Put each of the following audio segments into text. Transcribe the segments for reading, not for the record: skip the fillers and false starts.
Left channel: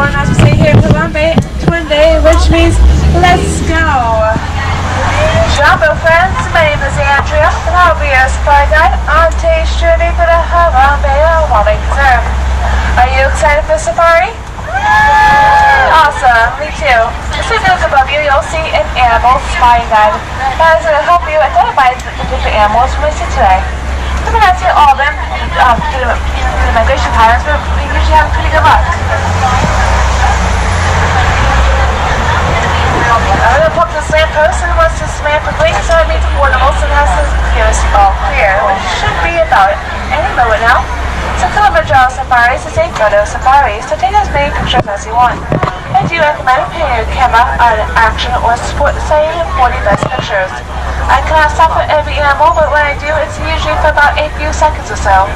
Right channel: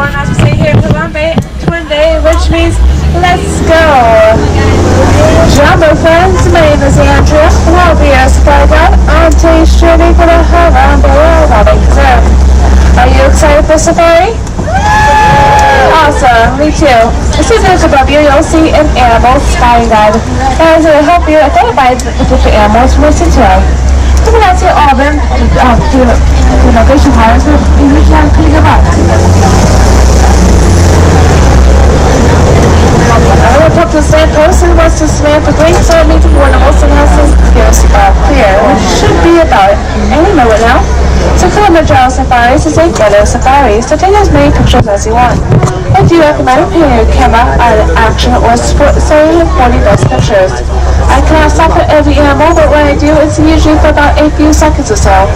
one, as we say here in Colombia, Twin Day, which means let's go. Jumbo friends, my name is Andrea, and I'll be your supply guide on today's journey for the Harambe Wildlife Preserve. Are you excited for safari? Awesome, me too. As soon as above you, you'll see an animal spying guide. And it'll help you identify the different animals we see today. If we not see all of them through the migration patterns, we usually have pretty good luck. I'm going to talk to the slant person who wants to swim for 3 centimeters of animals and has to give us all clear, which should be about any moment now. So Kilimanjaro safaris is a photo safari, so take as many pictures as you want. I do recommend putting your camera on action or sport so for the best pictures. I cannot stop at every animal, but when I do, it's usually for about a few seconds or so.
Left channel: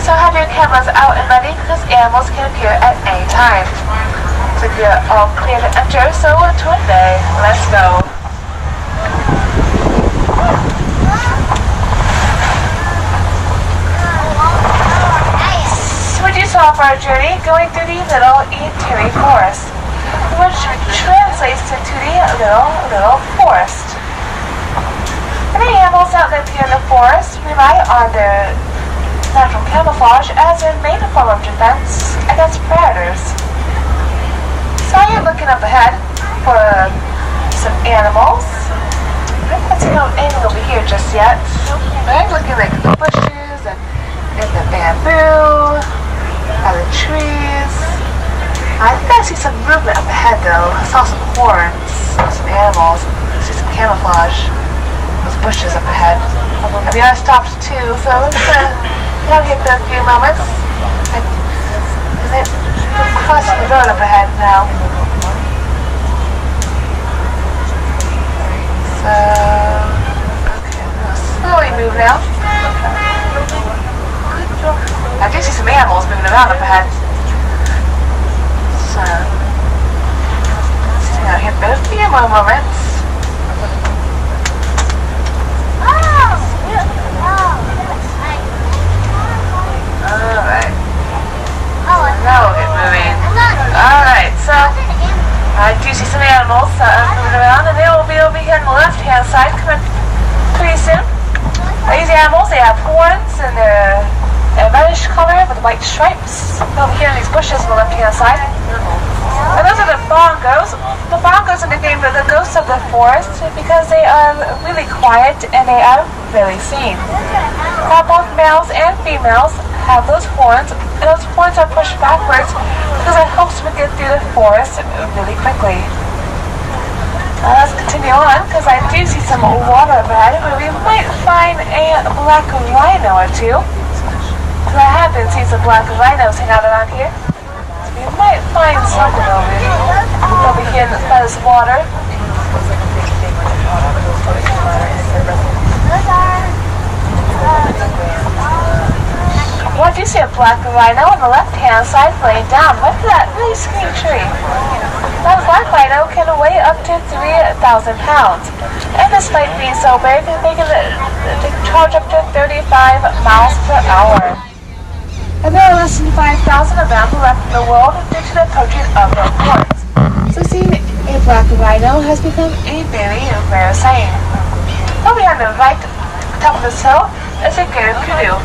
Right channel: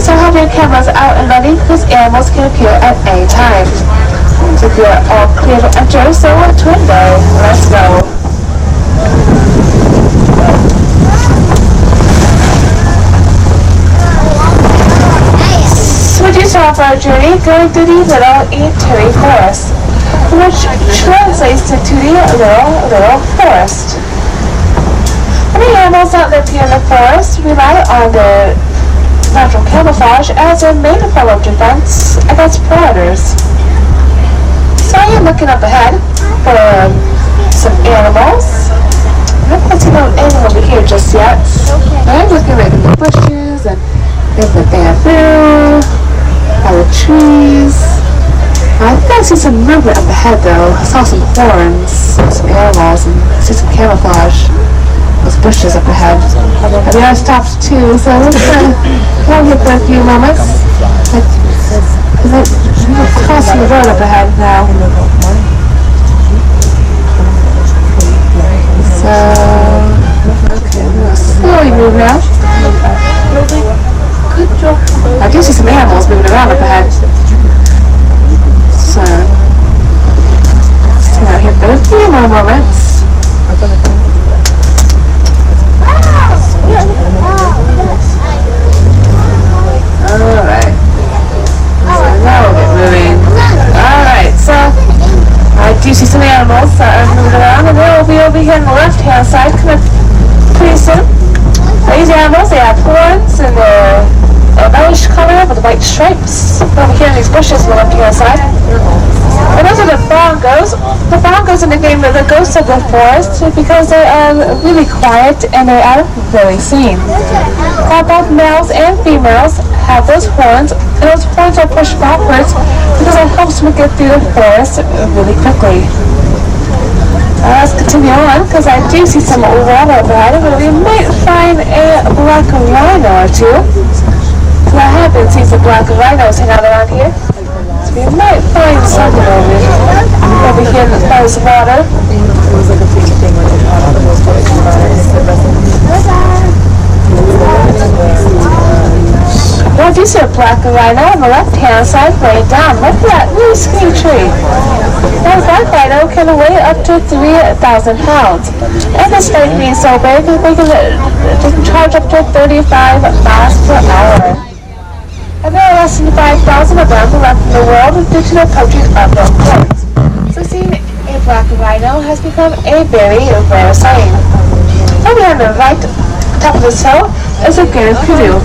So have your cameras out and ready because animals can appear at any time. So you're all clear to enter, so Twin Day, let's go. So we do start off our journey going through the Little Eatery Forest, which translates into the Little Forest. Many animals that live here in the forest rely on their natural camouflage as their main form of defense against predators. So I am looking up ahead for some animals. I haven't seen anything over here just yet. I'm looking like in the bushes and in the bamboo, by the trees. I think I see some movement up ahead though. I saw some horns, some animals, and I see some camouflage. Those bushes up ahead. I mean, I stopped too, so let's go here for a few moments. Because they're crossing the road up ahead now. So, okay, I'm going to slowly move now. I do see some animals moving around up ahead. So, stay out here for a few more moments. Alright. So now we'll get moving. Alright, so I do see some animals moving around, and they will be over here on the left-hand side coming pretty soon. These animals, they have horns, and they're a reddish color with white stripes over here in these bushes on the left-hand side. And those are the bongos. The bongos are nicknamed the ghosts of the forest because they are really quiet and they are really seen. Now both males and females have those horns, and those horns are pushed backwards because it helps them get through the forest really quickly. Let's continue on because I do see some water ahead where we might find a black rhino or two. So I have been seeing some black rhinos hang out around here. We might find something over here by this water. Well, I do see a black rhino on the left-hand side laying down. Look at that really skinny tree. That black rhino can weigh up to 3,000 pounds. And despite being so big, they can charge up to 35 miles per hour. And there are less than 5,000 of them left in the world due to the poaching of their horns. So seeing a black rhino has become a very rare sight. Over on the right top of this hill is a greater kudu.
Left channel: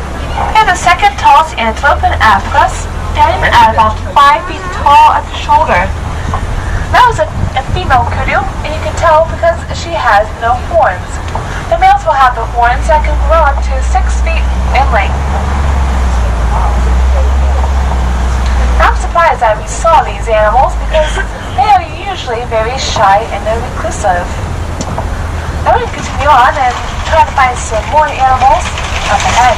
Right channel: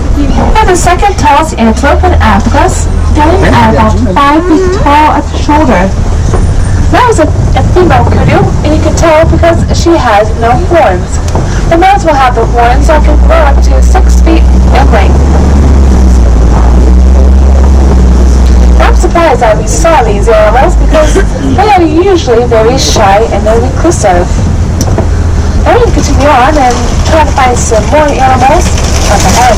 And the second tallest antelope in Africa, standing at about 5 feet tall at the shoulder. That was a female kudu, and you can tell because she has no horns. The males will have the horns that can grow up to 6 feet in length. I'm surprised that we saw these animals because they are usually very shy and they're reclusive. I'm going to continue on and try to find some more animals up ahead.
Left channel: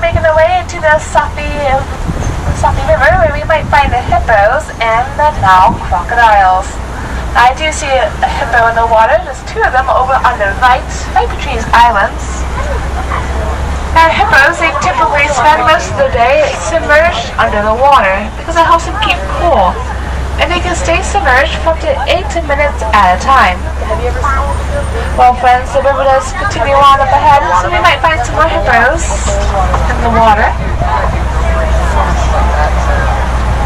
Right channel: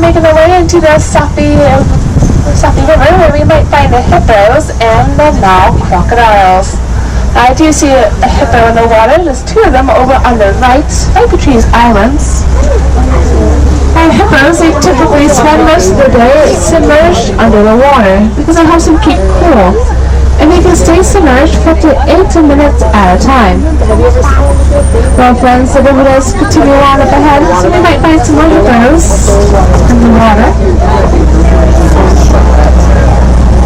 Making our way into the Safi River where we might find the hippos and the Nile crocodiles. I do see a hippo in the water. There's 2 of them over on the right between these islands. Hippos, they typically spend most of the day submerged under the water because it helps them keep cool. And they can stay submerged for up to 8 minutes at a time. Well, friends, the river does continue on up ahead, so we might find some more hippos in the water.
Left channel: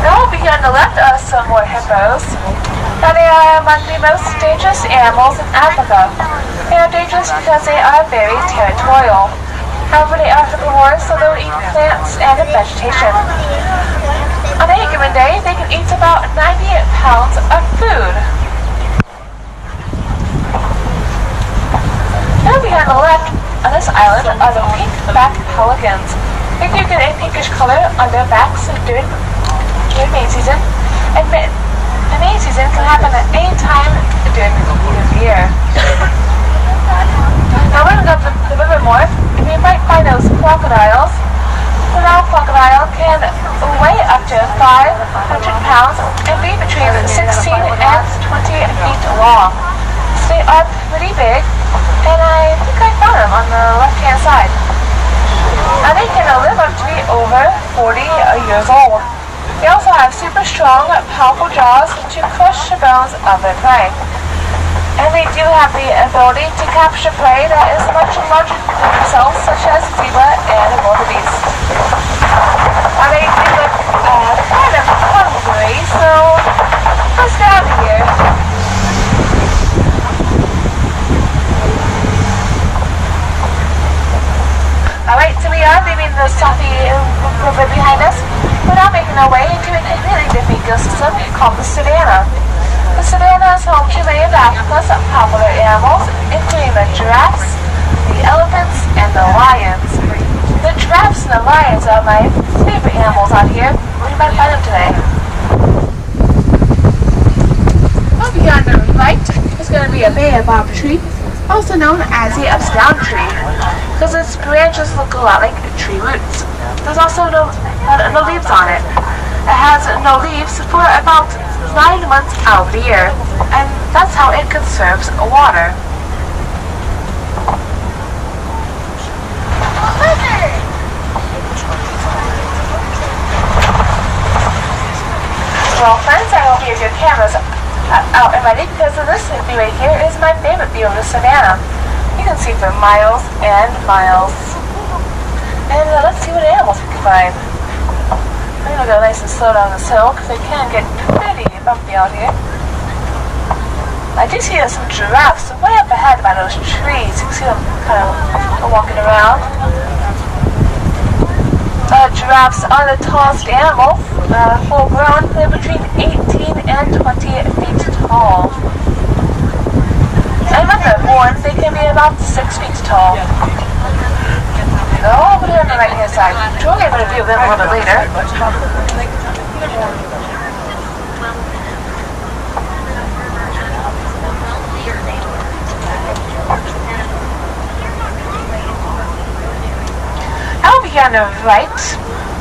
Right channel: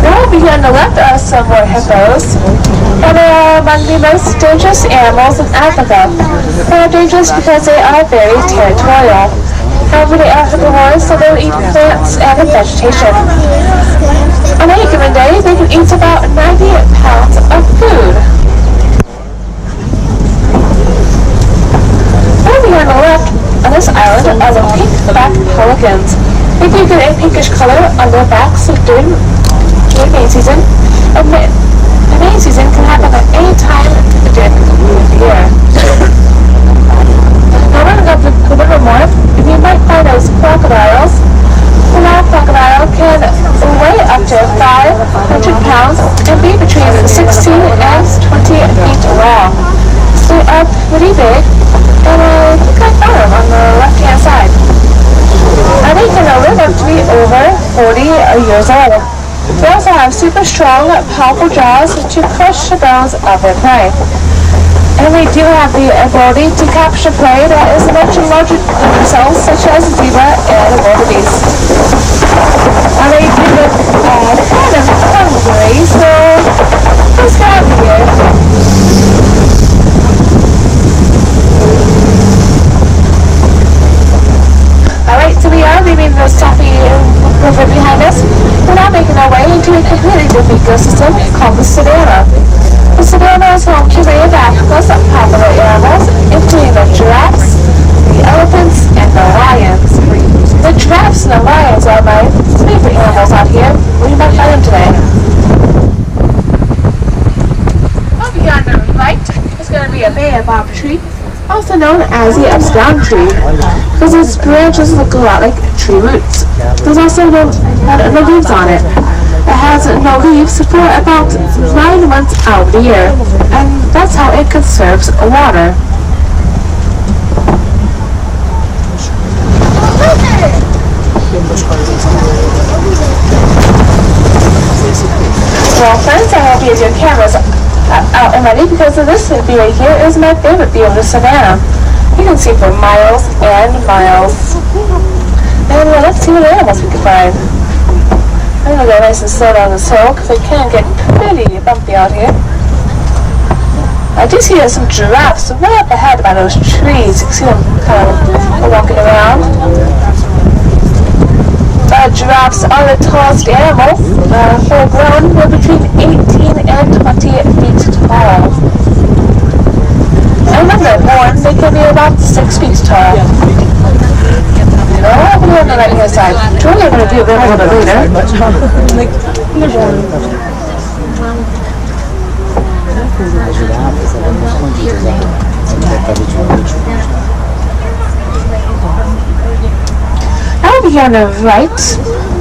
Now over here on the left are some more hippos. Now they are among the most dangerous animals in Africa. They are dangerous because they are very territorial. However, they are herbivores, so they'll eat plants and vegetation. On any given day, they can eat about 90 pounds of food. Over here on the left, on this island, are the pink-backed pelicans. They do get a pinkish color on their backs during mating season. The mating season can happen at any time during the year. Now we're going to go to the river more. You might find those crocodiles. The male crocodile can weigh up to 500 pounds and be between 16 and 20 feet long. So they are pretty big, and I think I found them on the left-hand side. And they can live up to be over 40 years old. They also have super strong, powerful jaws to crush the bones of their prey. And they do have the ability to capture prey that is much larger than themselves, such as zebra and wildebeest. And they do look kind of hungry, so let's get out of here. Alright, so we are leaving the Safi river behind us. We're now making our way into a completely different ecosystem called the savannah. The savannah is home to many of Africa's popular animals, including the giraffes, the elephants, and the lions. The giraffes and the lions are my favorite animals out here. We might find them today. Over here on the right is going to be a baobab tree, also known as the upside-down tree, because its branches look a lot like tree roots. There's also no leaves on it. It has no leaves for about 9 months out of the year, and that's how it conserves water. Well, friends, I hope you have your cameras out and ready, because this view right here is my favorite view of the savannah. You can see for miles and miles. And let's see what animals we can find. I'm going to go nice and slow down this hill because it can get pretty bumpy out here. I do see some giraffes right up ahead by those trees. You can see them kind of walking around. Giraffes are the tallest animals. Full grown, they're between 18 and 20 feet tall. And when they're born, they can be about 6 feet tall. Over here on the right-hand side. We're going to view them a little bit later. Now over here on the right,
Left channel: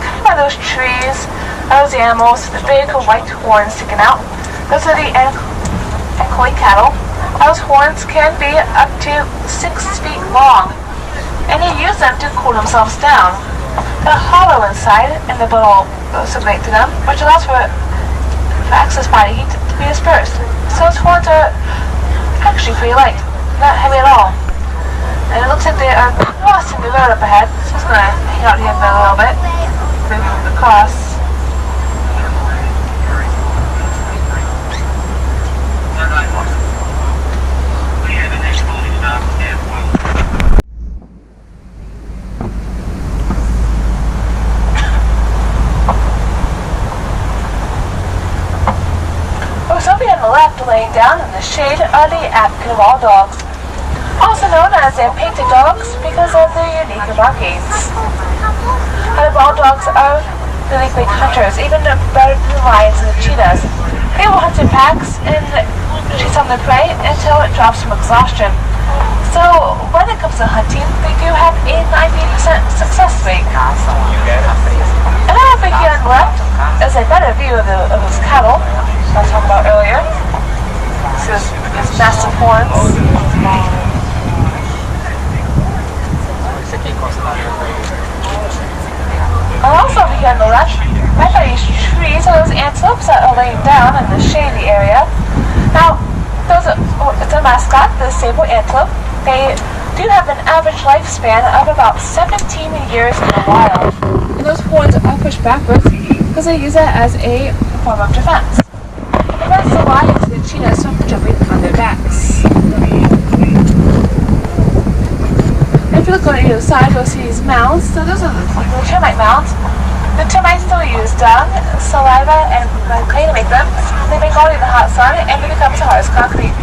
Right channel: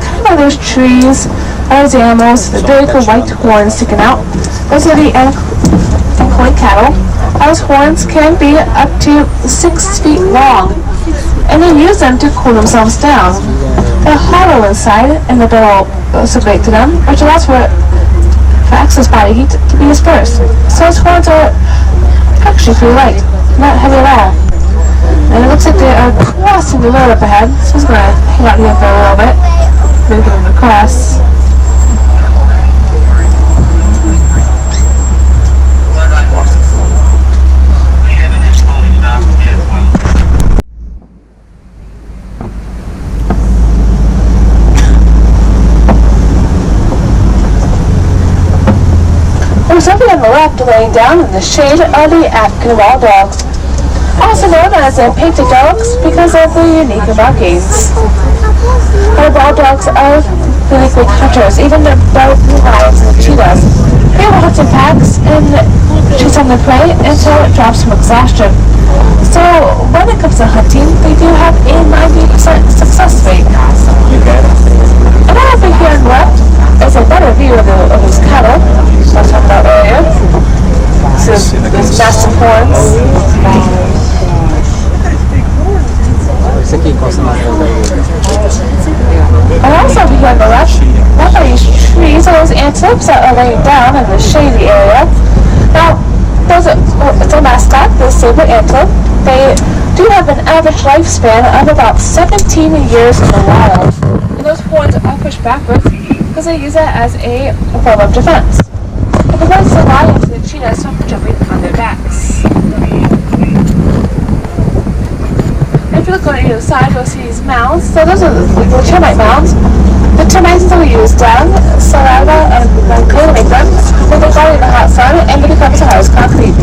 kind of by those trees, those animals, the big white horns sticking out. Those are the Ankole cattle. Those horns can be up to 6 feet long, and they use them to cool themselves down. They're hollow inside, and the bill will circulate to them, which allows for excess body heat to be dispersed. So those horns are actually pretty light, not heavy at all. And it looks like they are crossing the road up ahead, so I'm going to hang out here for a little bit, maybe them across. Something on the left laying down in the shade are the African wild dogs, also known as the painted dogs because of the unique markings. Our wild dogs are really quick hunters, even the lions and cheetahs. They will hunt in packs and chase on their prey until it drops from exhaustion. So when it comes to hunting, they do have a 90% success rate. And over here on the left is a better view of those cattle I was talking about earlier. So those massive horns. the saber antelope. They do have an average lifespan of about 17 years in the wild. And those horns are pushed backwards because they use it as a form of defense. It prevents the lions and the cheetahs from jumping on their backs. If you look on either side, you'll see these mounds. So those are the termite mounds. The termites will use dung, saliva, and clay to make them. Then they go in the hot sun and it becomes hard as concrete.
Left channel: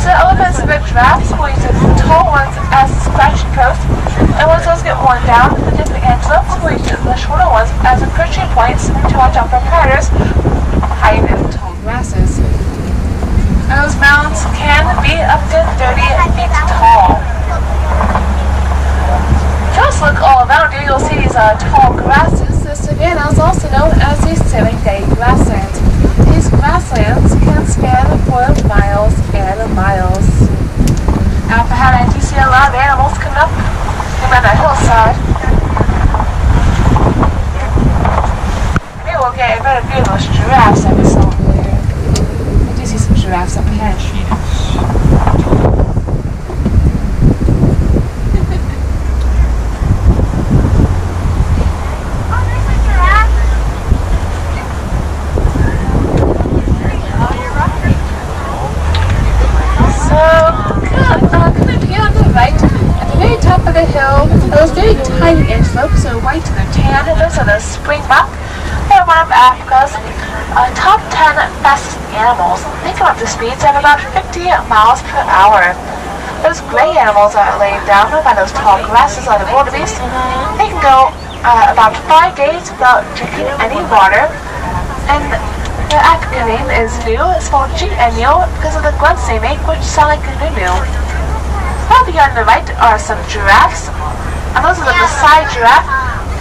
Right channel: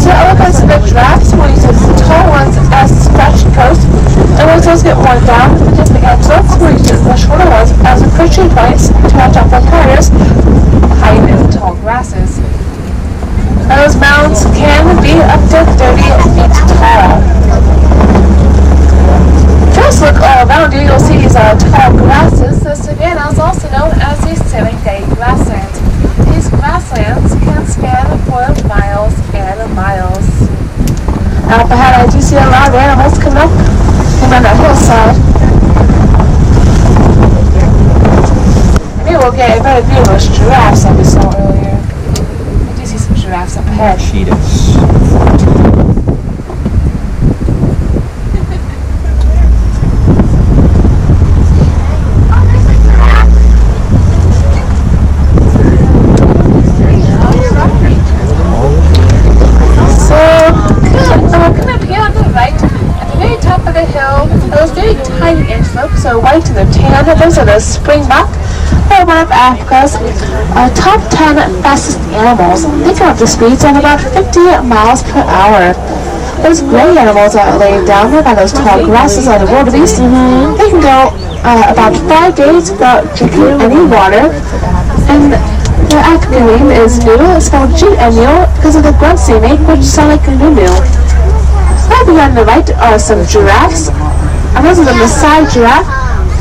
So elephants and the giraffes will use the tall ones as scratching posts. And once those get worn down, the antelopes will use the shorter ones as perching points to watch out for predators hiding in the tall grasses. Now those mounds can be up to 30 feet tall. Just look all around you, you'll see these tall grasses. The savanna is also known as the 7-day grassland. These grasslands can span for miles and miles. Now up ahead I do see a lot of animals coming up on that hillside. Maybe we'll get a better view of those giraffes that we saw earlier. I do see some giraffes up ahead. Cheetahs. Those very tiny antelopes are white to their tan. Those are the springbok. They're one of Africa's top 10 fastest animals. They can up to speeds of about 50 miles per hour. Those gray animals are laid down by those tall grasses are the wildebeest. They can go about 5 days without drinking any water. And their African name is Nu. It's spelled G-N-U because of the grunts they make, which sound like Nunu. Over on the right are some giraffes, and those are the Maasai giraffe,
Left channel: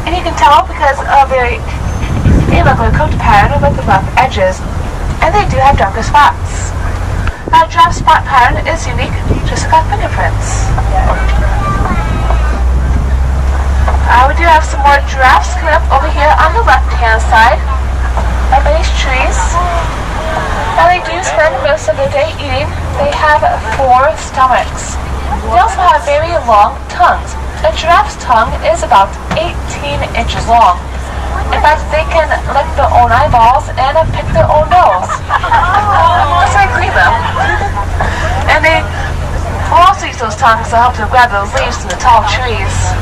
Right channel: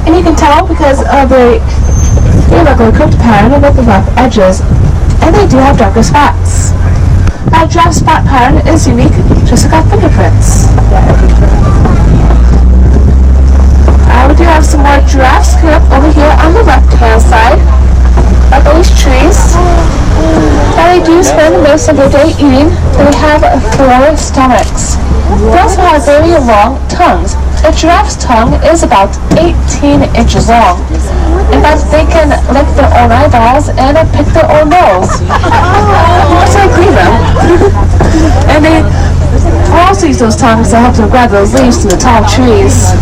and you can tell because of they look like a coat pattern with the rough edges, and they do have darker spots. Our giraffe spot pattern is unique, just like our fingerprints. We do have some more giraffes coming up over here on the left-hand side, up on these trees. Now they do spend most of their day eating. They have 4 stomachs. They also have very long tongues. A giraffe's tongue is about 18 inches long. In fact, they can lick their own eyeballs and pick their own nose. Just like clean them. And they also use those tongues to help them grab those leaves from the tall trees.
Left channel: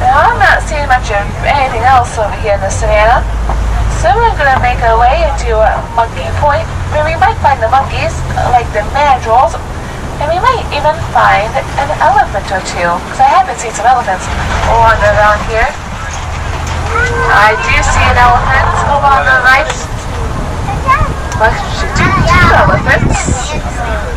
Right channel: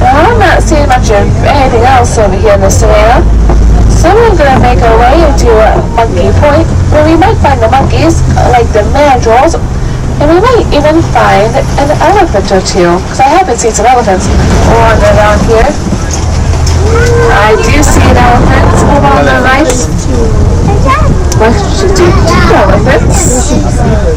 Now, I'm not seeing much of anything else over here in the savannah. So we're going to make our way into Monkey Point, where we might find the monkeys, like the mandrills, and we might even find an elephant or two, because I haven't seen some elephants wandering around here. I do see an elephant over on the right. Two elephants.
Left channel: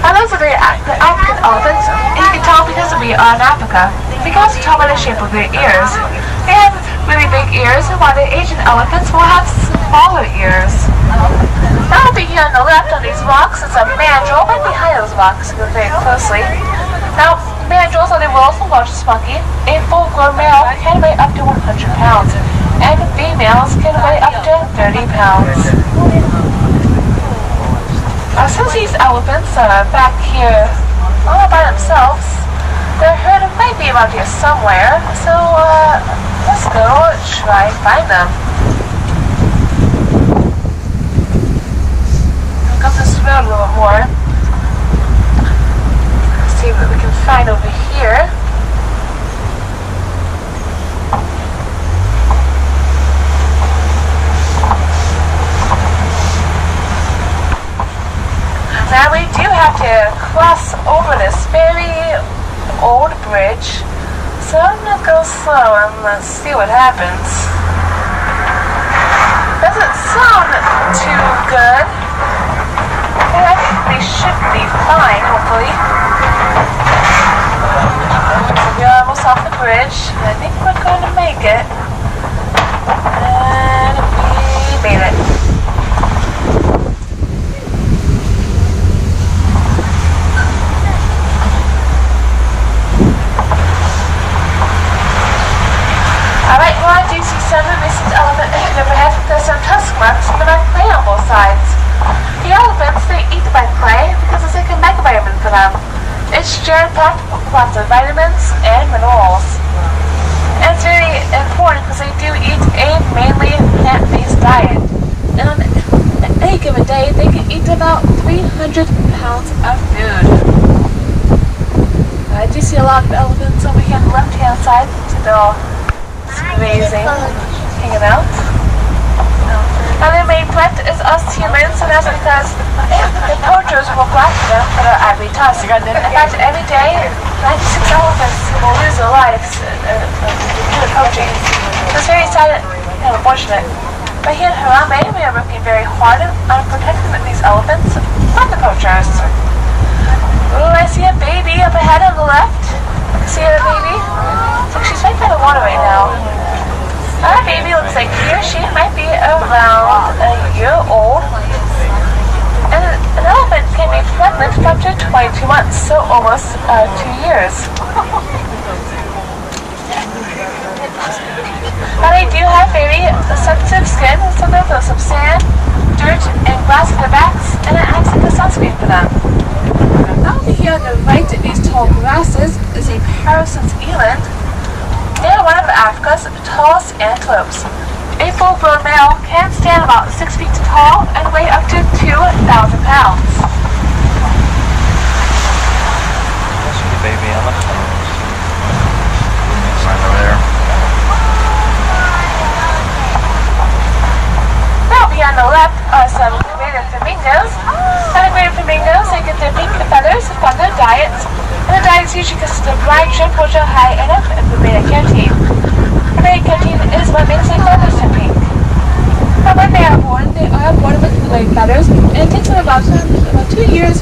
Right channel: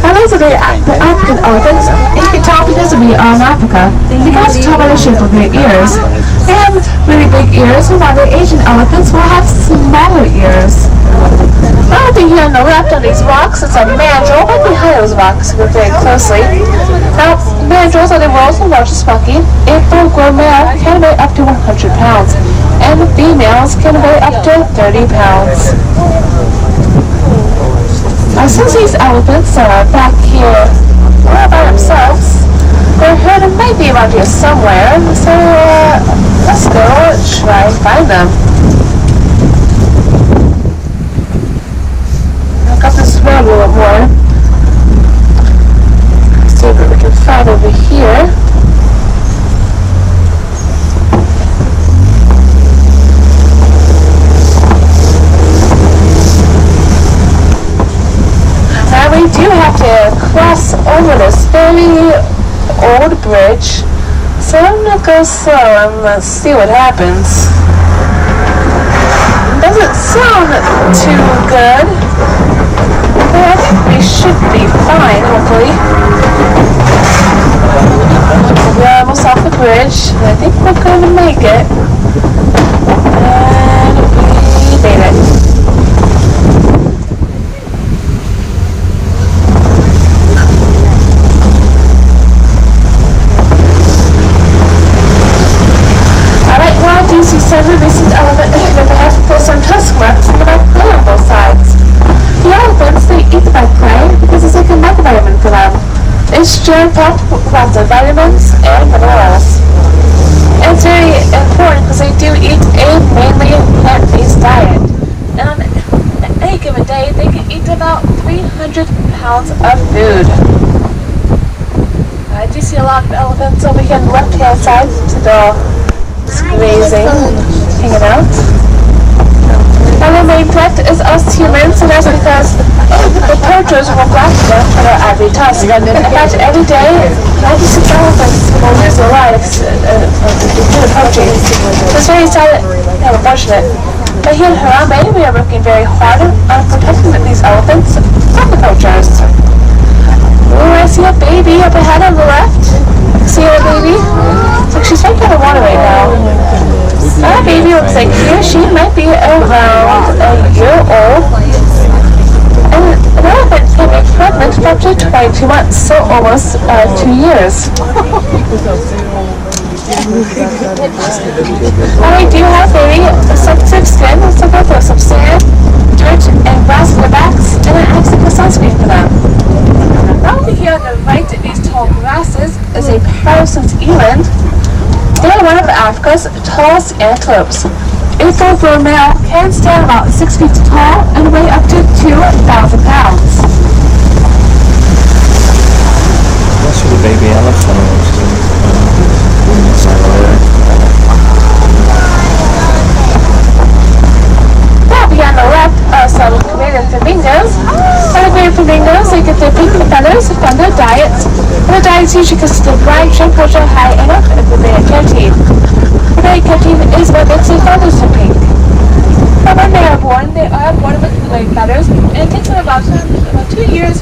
And those are the African elephants. And you can tell because we are in Africa. You can also tell by the shape of their ears. They have really big ears, and while the Asian elephants will have smaller ears. Now over here on the left on these rocks is a mandrill. Right behind those rocks, look very closely. Now, mandrills are the world's largest monkey. A full-grown male can weigh up to 100 pounds, and females can weigh up to 30 pounds. Since these elephants are back here all by themselves, their herd might be around here somewhere, so let's go try and find them. Look up this road a little more. See what we can find over here. And we do have to cross over this very old bridge, so I'm gonna go slow and let's see what happens. Doesn't sound too good, but I think we should be fine, hopefully. We're almost off the bridge, and I think we're going to make it. And we made it. Do you see several recent elephant in the back with some tusk marks in the back on both sides? The elephant eat the right prey because it's like a multivitamin for them. It's jam-packed with lots of vitamins and minerals. And it's very important because they do eat a mainly plant-based diet. And on any given day, they can eat about 300 pounds of food. I do see a lot of elephants over here on the left-hand side. They're all grazing, hanging out. And their main threat is us humans, and that's because the poachers will blast them for their ivory tusk. In fact, every day, 96 elephants will lose their lives due to poaching. It's very sad and unfortunate. But here in Harambe, we are working very hard on protecting these elephants from the poachers. Oh, I see a baby up ahead on the left. See a baby? It's like she's right by the water right now. That baby looks like he or she might be around a year old. And an elephant can be pregnant for up to 22 months, so almost 2 years. And they do have very sensitive skin, so they'll throw some sand, dirt, and grass on their backs, and it acts like a sunscreen for them. Now over here on the right of these tall grasses is a Parsons eland. They are one of Africa's tallest antelopes. A full-grown male can stand about 6 feet tall and weigh up to 2,000 pounds. That's the baby elephant. It's right over there. Now behind the left are some greater flamingos. And the greater flamingos, they get their pink feathers from their diets. And the diets usually consist of brine, shrimp, culture, high, and beta carotene. Beta carotene is what makes their feathers so pink. But when they are born with white feathers, and it takes them about 2 years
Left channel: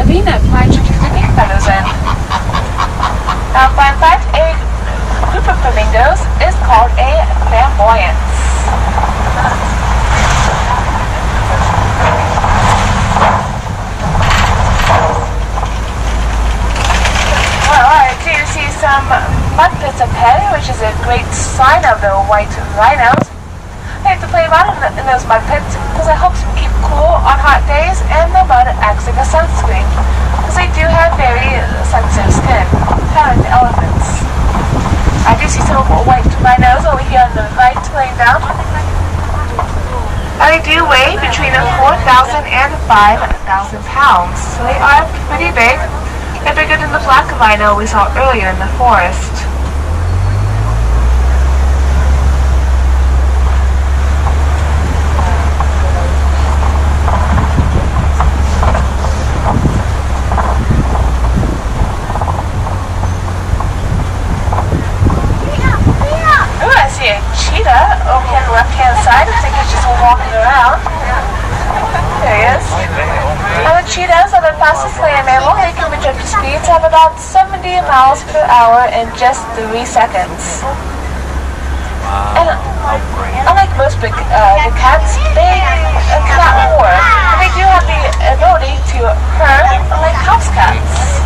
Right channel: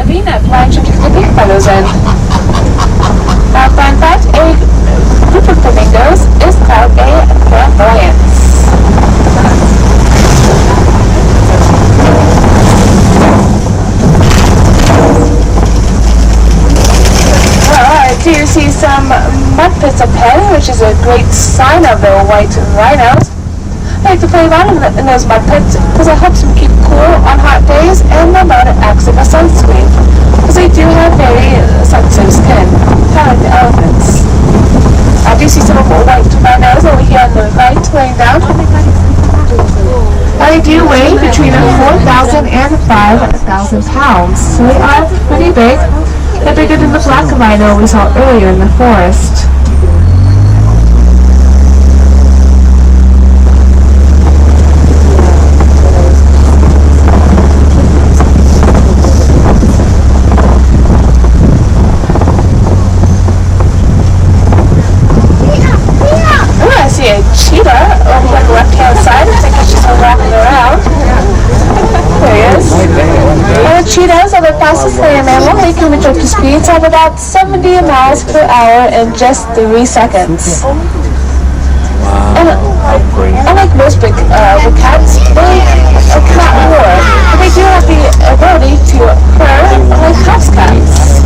of being that brine, shrimp to get the pink feathers in. In fact, a group of flamingos is called a flamboyance. You see some mud pits up ahead, which is a great sign of the white rhinos. They like to play around in those mud pits because it helps them keep cool on hot days, and the mud acts like a sunscreen because they do have very sensitive skin, kind of like the elephants. I do see some of the white rhinos over here on the right laying down. And they do weigh between 4,000 and 5,000 pounds, so they are pretty big. They're bigger than the black rhino we saw earlier in the forest. Oh, I see a cheetah over here on the left-hand side. I think he's just walking around. There he is. And cheetahs are the fastest land mammal. They can reach up to speeds of about 70 miles per hour in just 3 seconds. And unlike most big cats, they cannot roar, but they do have the ability to purr like house cats.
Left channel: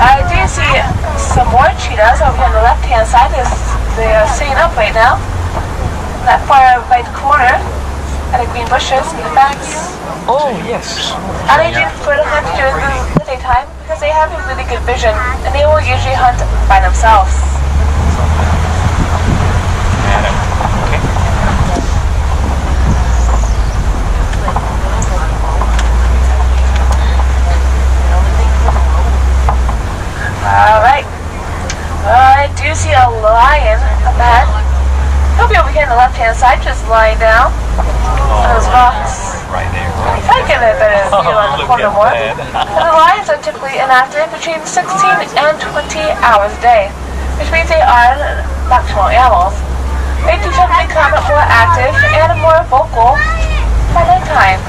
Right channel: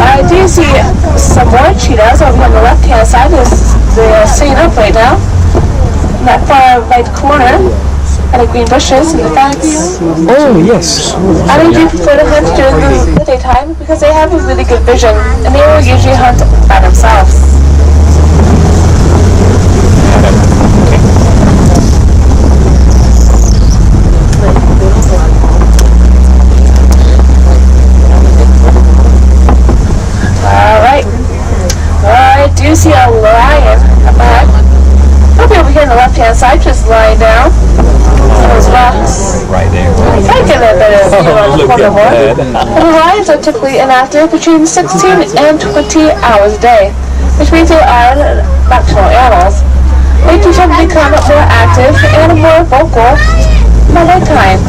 I do see some more cheetahs over on the left-hand side. They are sitting up right now in that far right corner, and the green bushes and the fence. Oh, yes. And they do prefer to hunt during the daytime because they have a really good vision, and they will usually hunt by themselves. Alright. I do see a lion up ahead. He'll be over here on the left-hand side, just lying down on those rocks. Right there. I get a better view on the Look corner at more. that. And the lions are typically inactive between 16 and 20 hours a day, which means they are nocturnal animals. They do tend to become more active and more vocal by nighttime.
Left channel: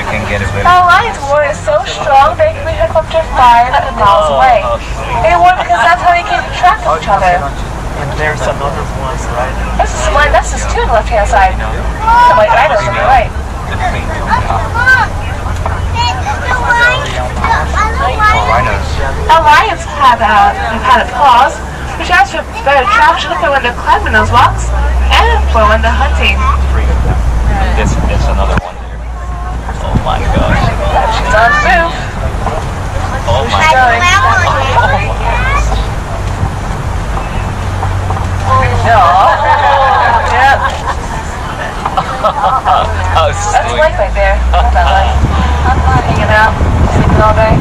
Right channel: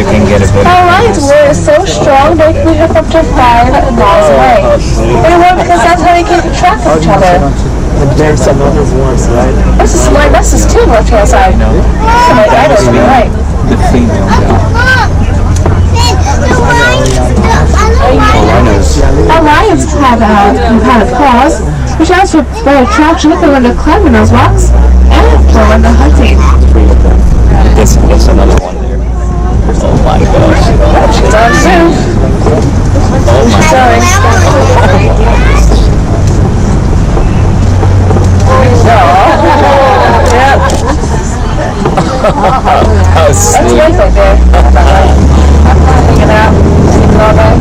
You can get a better. Our lion's roar is so strong they can be heard up to 5 miles away. They roar because that's how they keep track of each other. There's another one, right? This is mine. This is two on the left-hand side. So my rhinos on the right. The female. Rhinos. Our lions have a paws, which adds for better traction for when they're climbing those rocks and for when they're hunting. Three of them. That's another one there. Oh my gosh. She's on the move. Oh She's my going. Yep. That was That's sweet. life right there. Hanging out, sleeping all day.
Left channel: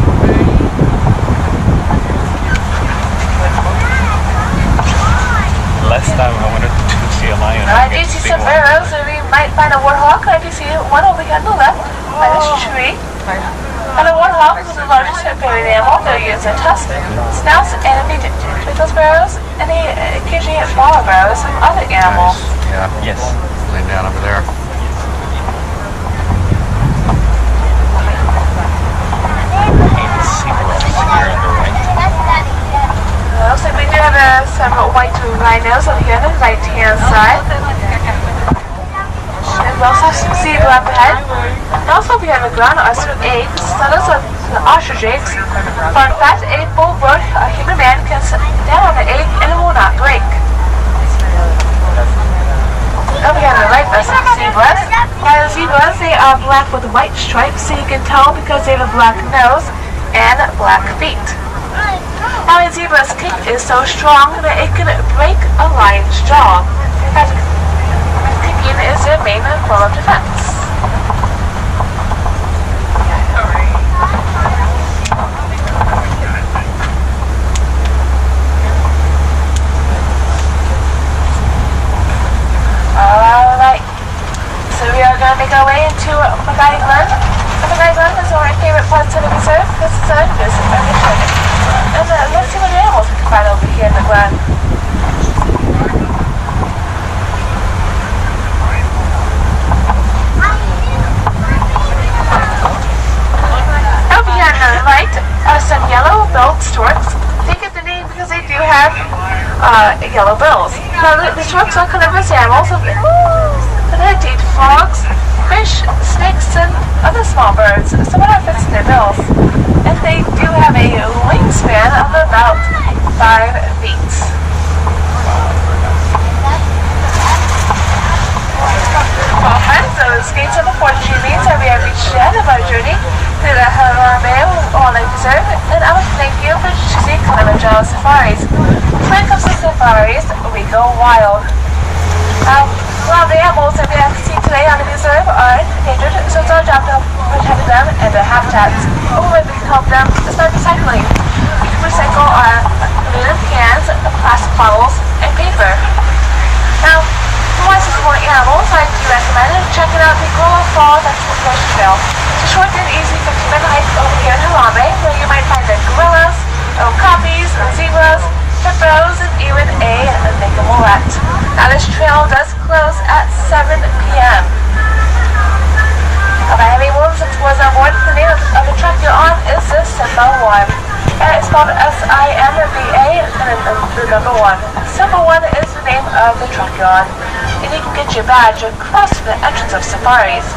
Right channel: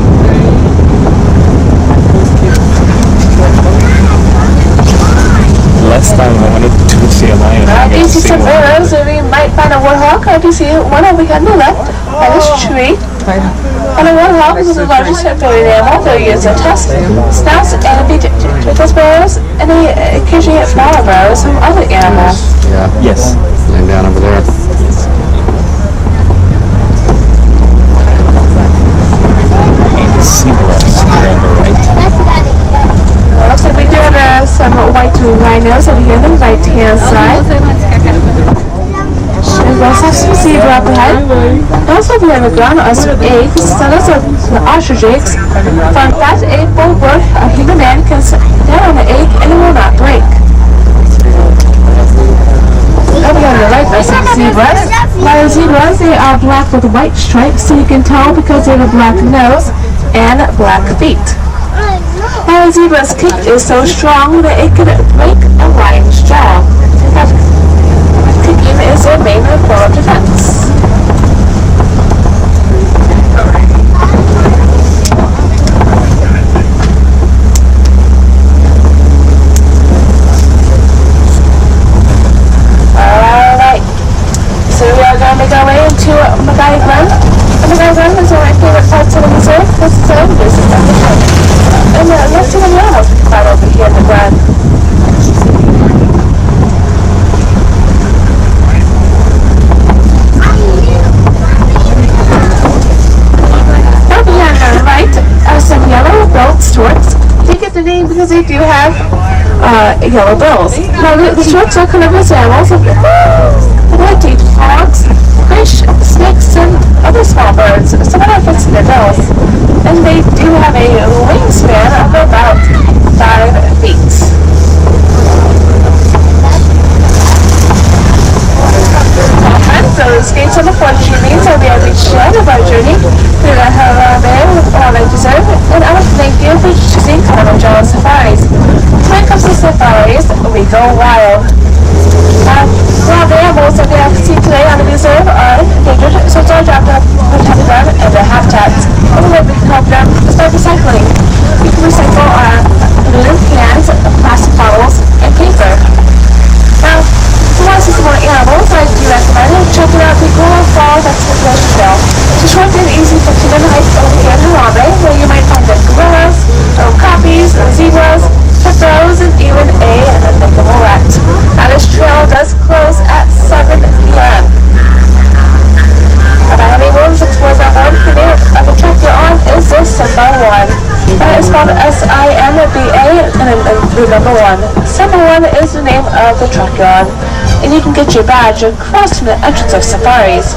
Last time I wanted to see a lion. I I do got to see some one. arrows, and we might find a warthog. I do see one over here on the left by this tree. And a warthog is the largest amphibian animal. They use their tusks, snouts, and feet to those burrows, and they occasionally get smaller burrows from other animals. Yeah. Yes. Laying down over there. And seagulls are on the right. Looks like we do have some white rhinos over here on the right-hand side. And we also have some zebra up ahead. And also over here on the ground are some eggs. So those are the ostrich eggs. Fun fact, egg full bird, a human man can sit down on the egg and it will not break. Over here on the right, there's some zebras. While zebras, they are black with white stripes, so you can tell because they have a black nose and black feet. Now a zebra's kick is so strong that it can break a lion's jaw. In fact, kicking is their main form of defense. Alright, so we are going to make our way into Mackay Glen. And Mackay Glen is one of my favorite parts of the reserve because it's an this is at the top. And let's see the animals we can find over here in the Glen. Over here on the right are some yellow-billed storks. They get the name because they do have yellow bills. Now the storks are carnivorous animals. They eat frogs, fish, snakes, and other small birds. Some of that fits in their bills. And they do have a wingspan of about 5 feet. Alright, so the skates on the fortune means that we have reached the end of our journey through the Harambe with all I deserve, and I would thank you for choosing Kilimanjaro Safaris. When it comes to safaris, we go wild. Wild animals that we have seen today on the reserve are endangered, so it's our job to protect them and their habitats. And what we can help them is by recycling. We can recycle our aluminum cans, plastic bottles, and paper. Now, if you want to see some more animals, I do recommend checking out the Global Falls Exploration Trail. It's a short and easy 15-minute hike over here in Harambe, where you might find the gorillas, okapis, zebras, hippos, and even a nicolet. Now this trail does close at 7 p.m. By any rules explores on board, the name of the track you're on is the Simba 1. That is spelled S-I-M-B-A and then the number 1. Simba 1 is the name of the truck you're on, and you can get your badge across from the entrance of safaris.